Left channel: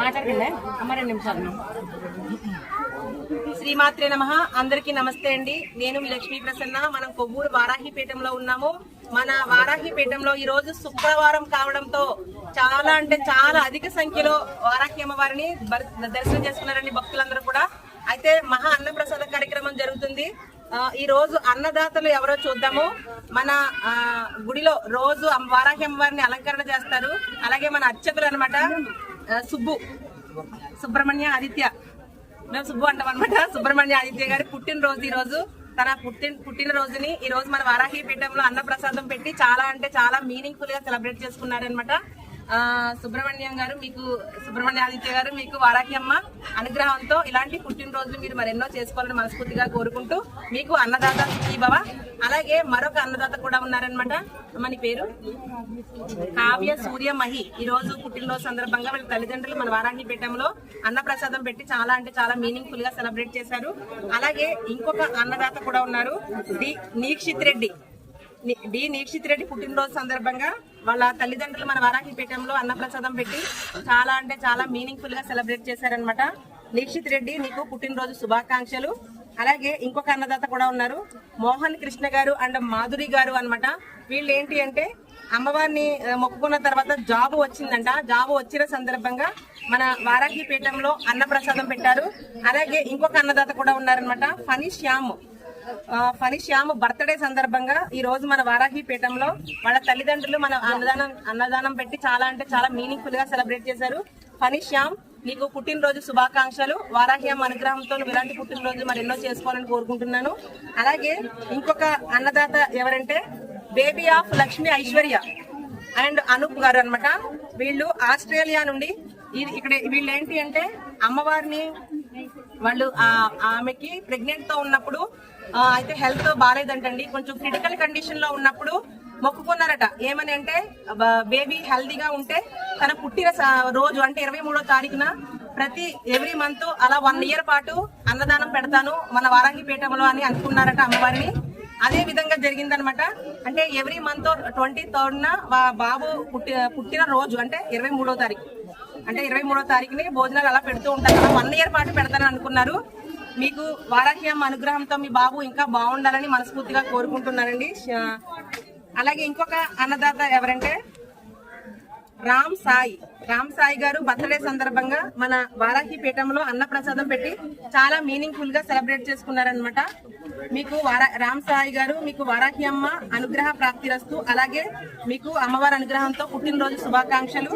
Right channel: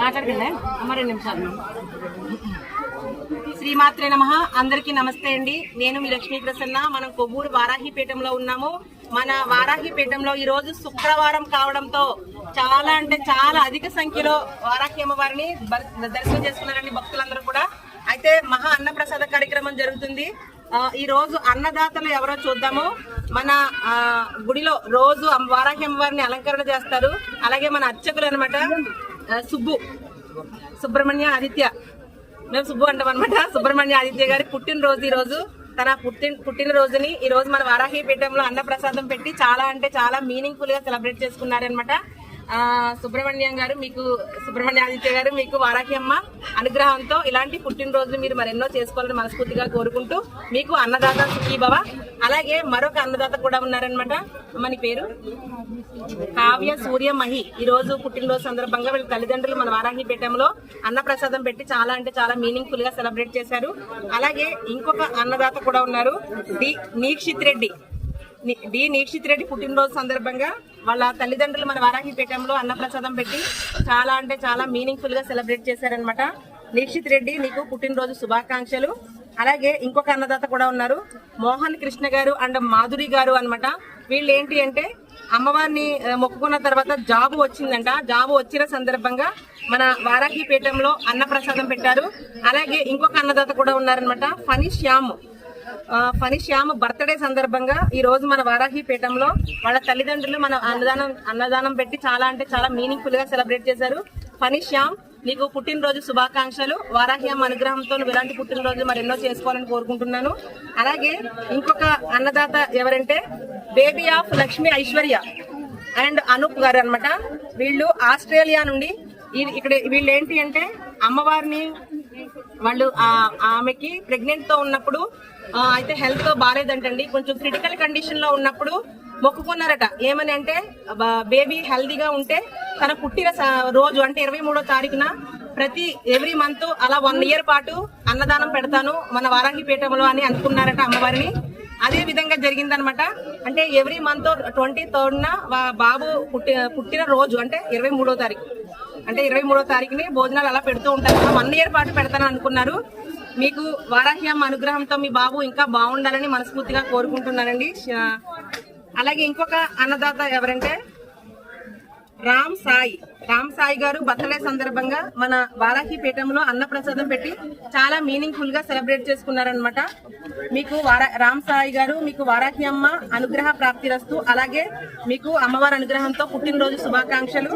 మాట్లాడుతుందా అమ్మ 2 నిమిషాలు. శ్రీమాత్రే నమః. అందరికీ నమస్తే అండి. నేను మీ లక్ష్మీ ప్రసన్న. మనం కొవ్వూరు వారాహిపీఠంలో ఉన్నాము. మన వారాహిపీఠంలో ఈ రోజు శుక్రవారం కావడంతో చాలా అంటే చాలా అధిక సంఖ్యలో వారాహి అమ్మవారిని దర్శనం చేసుకున్నారండి భక్తులందరూ కూడా. అయితే మహా అన్నప్రసాద కార్యక్రమం జరుగుతుంది. ఈ రోజు అన్నదాతలు ఎవరో చూద్దాము. మన గుడిలో రోజు వారాహి అమ్మవారిని అలంకరణ చేస్తారు. అలాగే మన అర్చకులు అనమాట సుబ్రహ్మణ్య ఆదిత్య, మేము సుబ్బు అంటాం అనమాట. సుబ్రహ్మణ్య ఆదిత్య గారి పుట్టినరోజు ఈ రోజు. తన పుట్టినరోజుని ఈ రోజు మన వారాహిపీఠంలో అన్నప్రసాదం పెట్టి చాలా అంటే చాలా మీనింగ్ఫుల్ గా సెలబ్రేట్ చేసుకున్నారనమాట. సుబ్రహ్మణ్యం గారు మీకు, సుబ్రహ్మణ్య ఆదిత్య గారు మీకు వారాహి అమ్మ అనుగ్రహంతో ఇలాంటి పుట్టినరోజు మీరు మరెన్నో చేసుకోవాలని మనస్ఫూర్తిగా కోరుకుంటూ మీకు అన్నదాత సుఖీభవ. అలాగే మరొక అన్నదాత కూడా ఉన్నారనమాట. అమ్మని పేరు కావ్య సూర్యమహి. ఈ రోజు పుట్టినరోజు సందర్భంగా వీళ్ళ తల్లిదండ్రులు మన వారాహిపీఠంలో అన్నప్రసాదం పెట్టి చాలా అంటే చాలా మీనింగ్ఫుల్ గా సెలబ్రేట్ చేశారు. అలాగే ఇంకొక అన్నదాత కూడా ఉన్నారు, డి నీక్షిత్ రెడ్డి పుట్టినరోజు సందర్భంగా వాళ్ళ తల్లిదండ్రులు మన వారాహిపీఠంలో అన్నప్రసాదం పెట్టి చాలా అంటే చాలా మీనింగ్ఫుల్ గా సెలబ్రేట్ చేశారనమాట. నీక్షిత్ రెడ్డి నీకు పుట్టినరోజు శుభాకాంక్షలు. అలాగే ఇంకొక అన్నదాత కూడా ఉన్నారు, మోహన్ కృష్ణ గారు అండ్ మాధురి గారు అనమాట. వీళ్ళు ఏంటి అంటే అమ్మవారిని మొక్కుకున్న తర్వాత జాబు వచ్చిందంట. జాబు వచ్చిన సందర్భంగా మన వారాహిపీఠంలో అన్నప్రసాదం పెట్టారు. అలాగే ఇంకొక అన్నదాత కూడా ఉన్నారనమాట, ఫణి శ్యామ్ బర్త్డే సందర్భంగా ఈ రోజు మన వారాహిపీఠంలో వాళ్ళ తల్లిదండ్రులు మన అన్నదానం పెట్టి చాలా అంటే చాలా మీనింగ్ఫుల్ గా సెలబ్రేట్ చేశారు. ఫణి శ్యామ్ నీకు పుట్టినరోజు శుభాకాంక్షలు. వారాహి అమ్మ అనుగ్రహంతో నువ్వు ఇలాంటి పుట్టినరోజు మరెన్నో చేసుకోవాలని కోరుకుంటున్నాను. అలాగే ఇంకొక అన్నదాత ఎవరంటే baby of Lakshmi Aishwarya and Anoop గారు అనమాట. వీళ్ళు ఆస్ట్రేలియా నుండి ఇక్కడ వీళ్ళు ఏంటి అంటే అమ్మవారిని వాళ్ళు ఆమెకి ప్రెగ్నెంట్ తో ఉన్నప్పుడు అయితే హెల్త్ బాగాలేదంటండి, కొంచెం క్రిటికల్ కండిషన్ లో ఉన్నప్పుడు మొక్కుకున్నారట. ఏమని అంటే బేబీ హెల్దీగా ఉంటే తన పుట్టిన రోజు అంటే 23వ తారీఖున ఎవ్రీ మంత్ అలా 1 ఇయర్ పాటు అన్నదానం పెడతాను మన వారాహిపీఠంలో అని అనుకున్నారట అమ్మవారిని. అదే విధంగా జరిగిందనమాట. అంటే ఎవ్రీ మంత్ 23rd బాబు పుట్టిన రోజు అంటే 23వ తారీఖు అంటే 23వ తారీఖుని భోజనాలు అలా పెడుతూ ఉంటారు. 1 ఇయర్ పాటు పెడతాను అనుకున్నారు. మీకు వారాహి అమ్మ అనుగ్రహంతో మీ బాబు ఇంకా బాగుండాలని మనస్ఫూర్తిగా కోరుకుంటున్నానండి. అలాగే ఇంకొక అన్నదాత ఎవరంటే రామ్ సాయి గారు బర్త్డే సందర్భంగా మన వారాహిపీఠంలో అన్నప్రసాదం పెట్టి చాలా మీనింగ్ఫుల్ గా సెలబ్రేట్ చేసుకున్నారనమాట. మీకు రామ్ సాయి గారు మీకు వారాహి అమ్మ అనుగ్రహ ప్రాప్తిరస్తు. అలాగే మీకు అమ్మవారి అనుగ్రహంతో పుట్టినరోజు శుభాకాంక్షలు.